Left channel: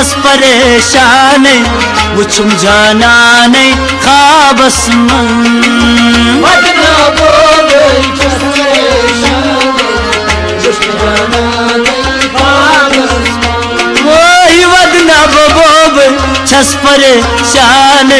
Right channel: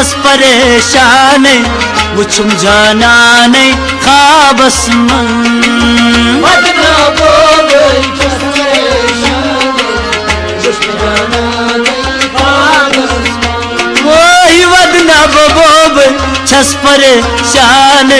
छस परेशान वुचुम जानान ख्वाबस वही वदना बोब छस परेशान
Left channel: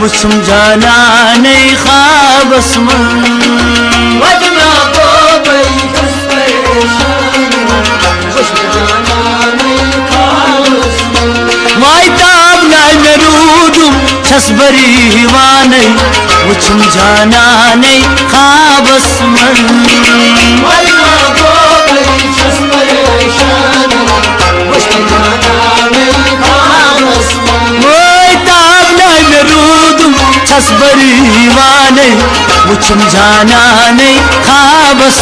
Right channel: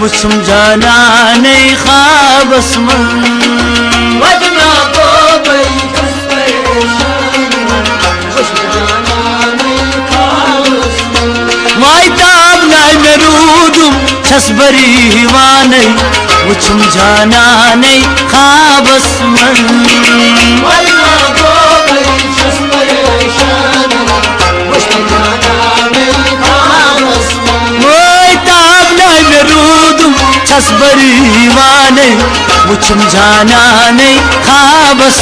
वुचुम जानान ख्वाबस छसबरी हिवान वुचुम जानान ख्वाबस छसबरी हिवान वुचुम जानान ख्वाबस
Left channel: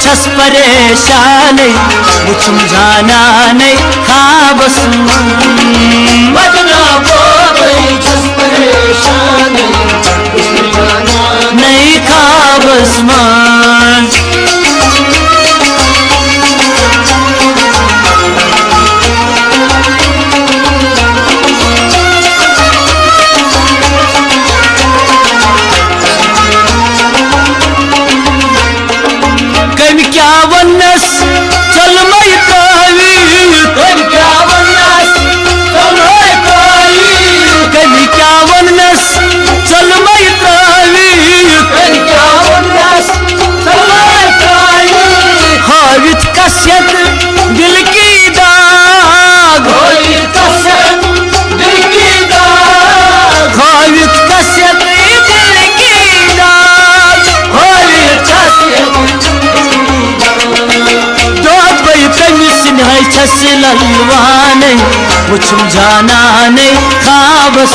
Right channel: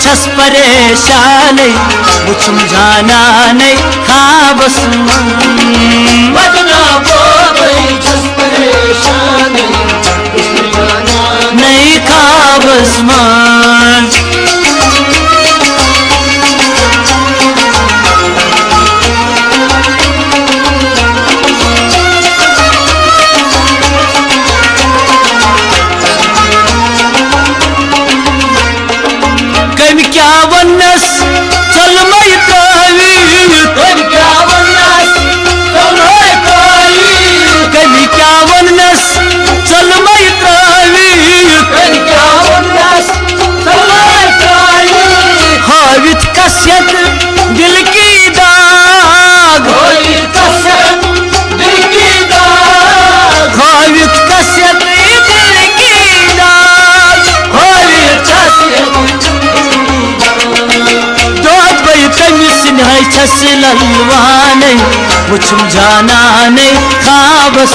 छस परेशान वुचुम जानान ख्वाबस नहीं ख्वाबस क्या वनस चल मई त्रावी क्या वनस चल मई त्रावी कभी क्या वनस चल मई त्रावी क्या वनस चल मई त्रावी हावित कसियत दिल की दाग हावित कसियत दिल की दाग हावित कसियत दिल की दाग हावित कसियत छस ललवान वुचुम जानान ख्वाबस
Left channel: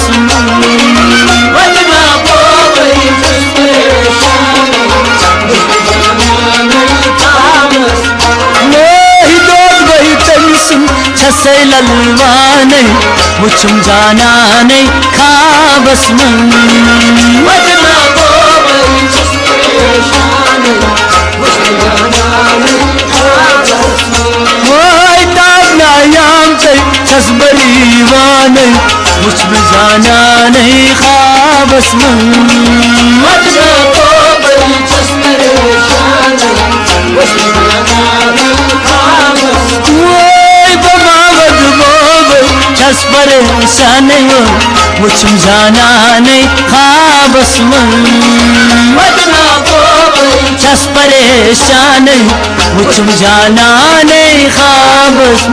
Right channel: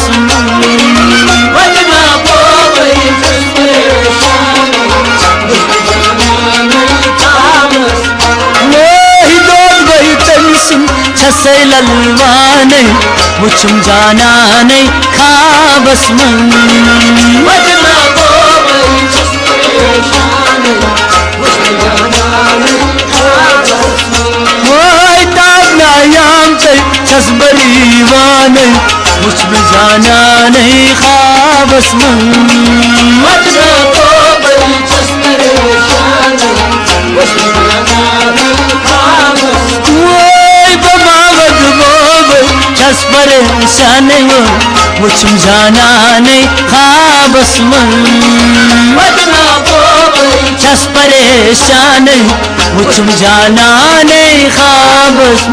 छस ललवान वुचुम जानान ख्वाबस छसबरी वान वुचुम जानान ख्वाबस छस परेशान वुचुम जानान ख्वाबस छस परेशान वुचुम जानान ख्वाबस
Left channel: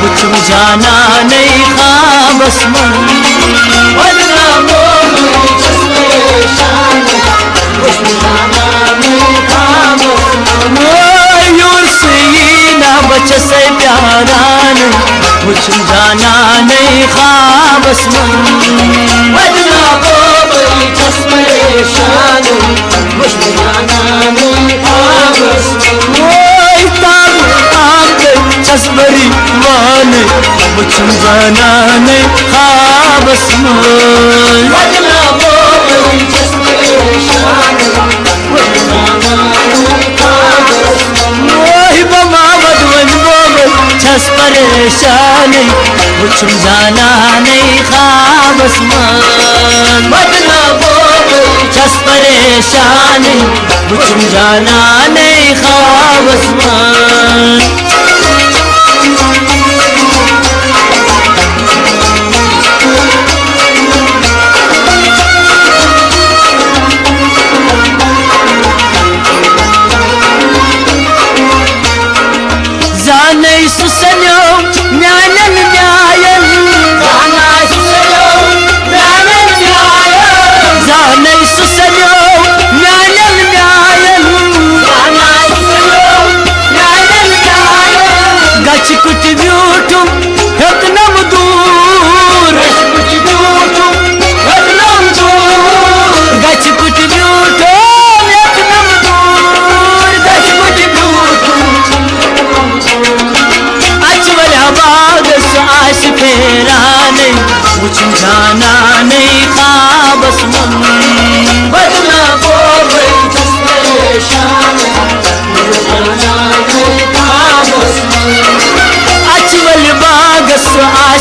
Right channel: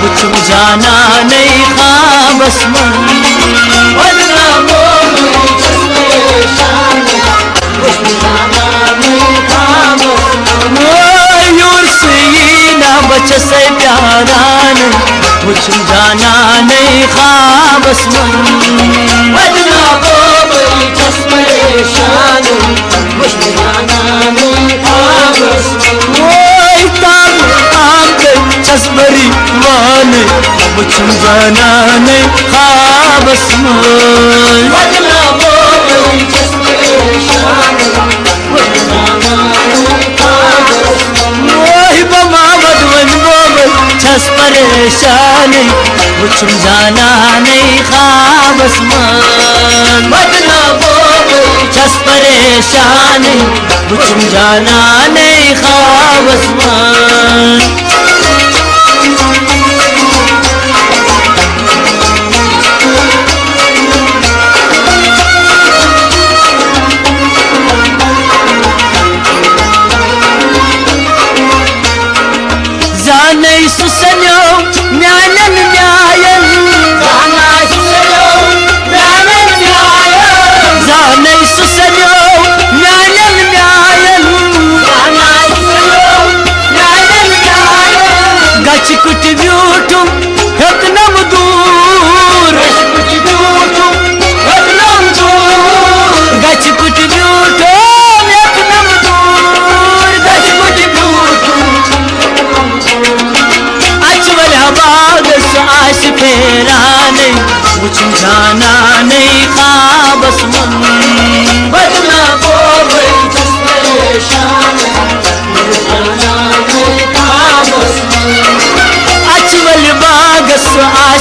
वुचुम जानान ख्वाबस बचस प्यारान वुचुम जानान ख्वाबस छस परेशान वुचुम जानान ख्वाबस छसबरी वान वुचुम जानान ख्वाबस छस परेशान वुचुम जानान ख्वाबस छस परेशान वुचुम जानान ख्वाबस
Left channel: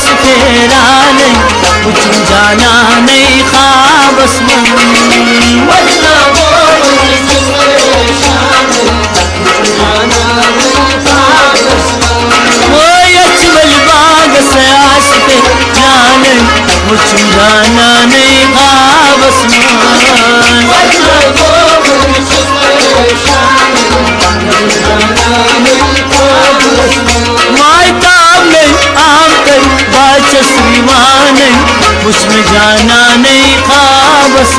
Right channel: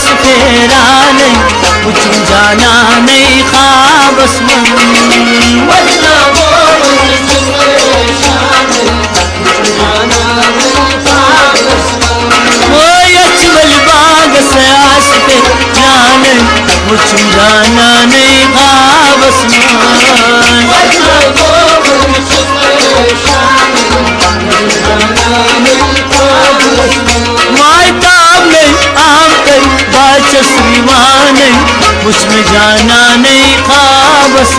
आस फेरा नहीं, कुछ जाना नहीं ख्वाबस में। वो अजमल बाग से आस फेरा नहीं, कुछ जाना नहीं ख्वाबस में। श्रीमान उसमें जाना नहीं ख्वाबस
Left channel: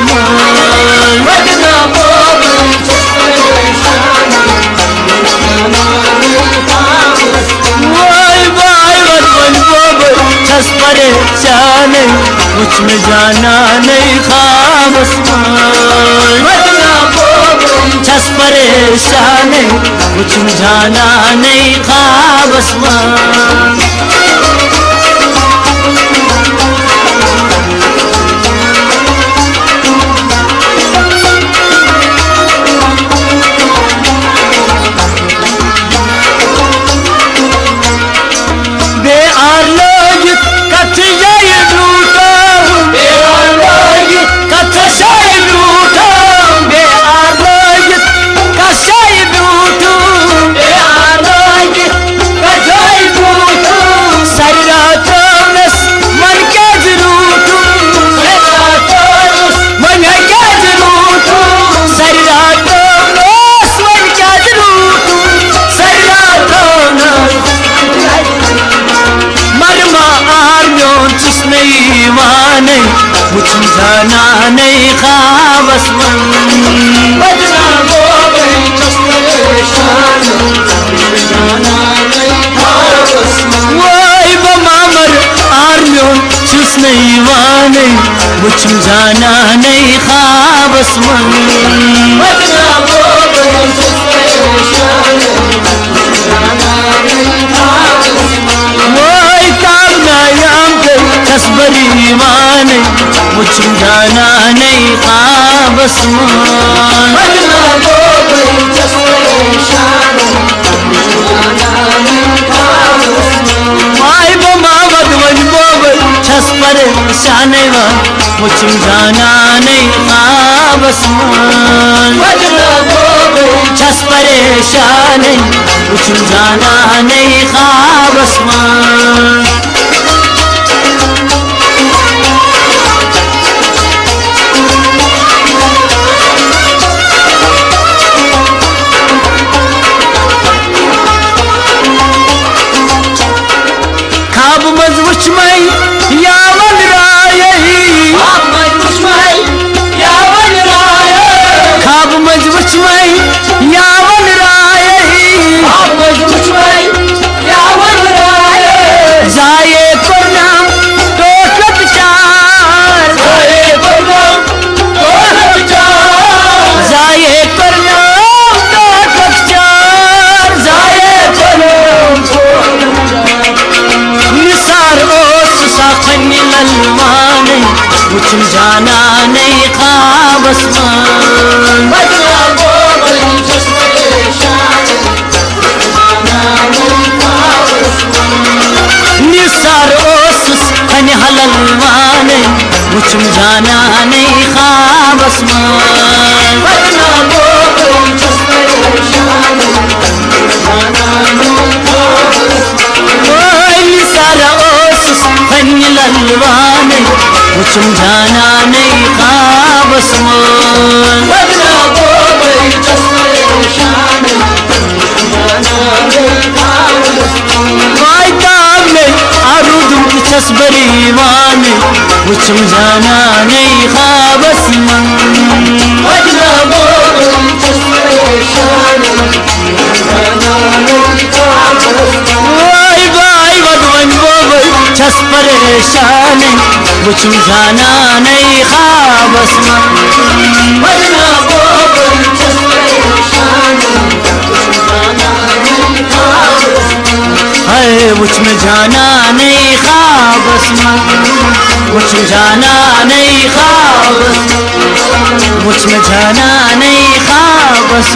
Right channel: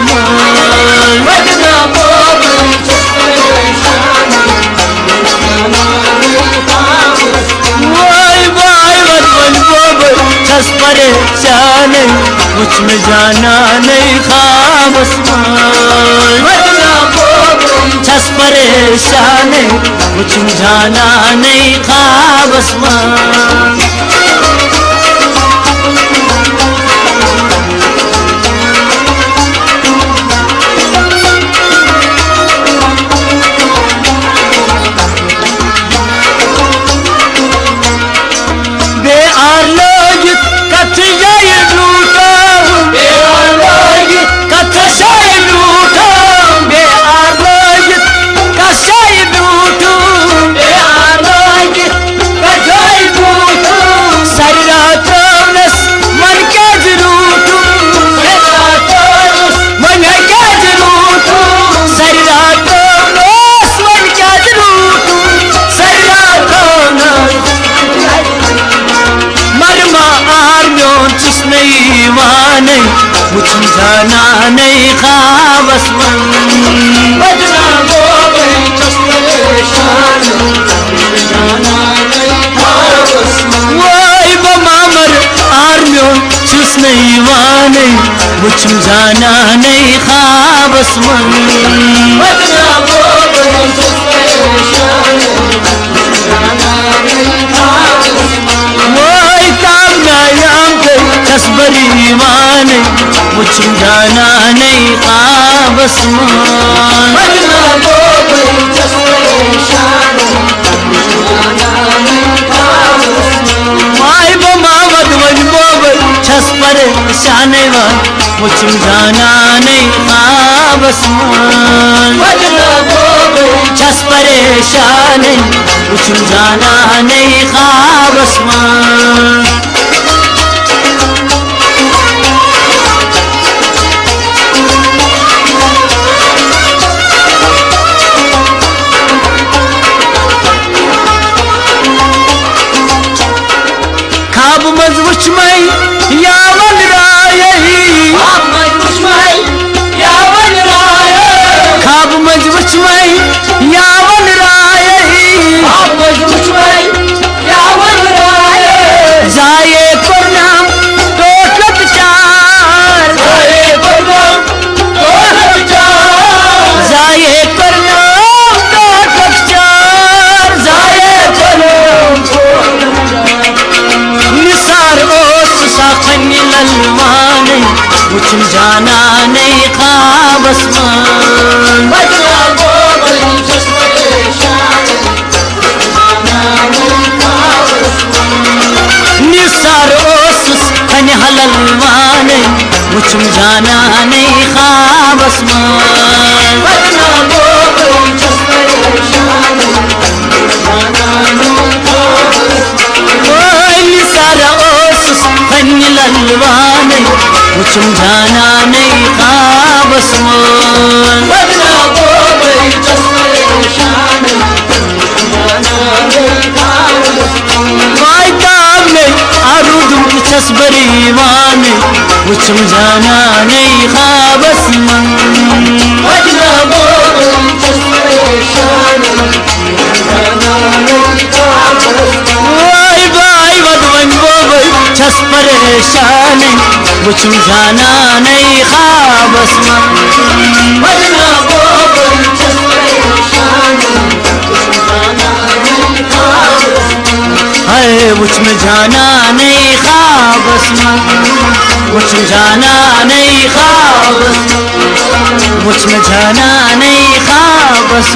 छस परेशान उसमें जाना नहीं ख्वाबस छस परेशान उसमें जाना नहीं ख्वाबस कुछ जाना नहीं ख्वाबस वही बमामर आर्मियों चुस नहीं वाने कुछ जाना नहीं ख्वाबस वही कामयाब तस्बरी माने कुछ जाना नहीं ख्वाबस माई बमावत वन बोबल छस परेशान कुछ जाना नहीं ख्वाबस छस परेशान कुछ जाना नहीं ख्वाबस वुच में यावन राय खाब मजवुच में यावन राय खाब मजवुच में यावन राय खाब मजवुच में यावन राय जाए परनाम टोटक चार जाए परनाम टोटक चार जाए परनाम टोटक चार जाए परनाम ललमाने कुछ जाना नहीं ख्वाबस निसार ओसुस खन हललमाने कुछ जाना नहीं ख्वाबस ललवाने कुछ जाना नहीं ख्वाबस आरूदुम की छसबरी माने कुछ जाना नहीं ख्वाबस छस परेशान कुछ जाना नहीं ख्वाबस है कुछ में जाना नहीं ख्वाबस कुछ जाना नहीं ख्वाबस कुछ में जाना नहीं ख्वाबस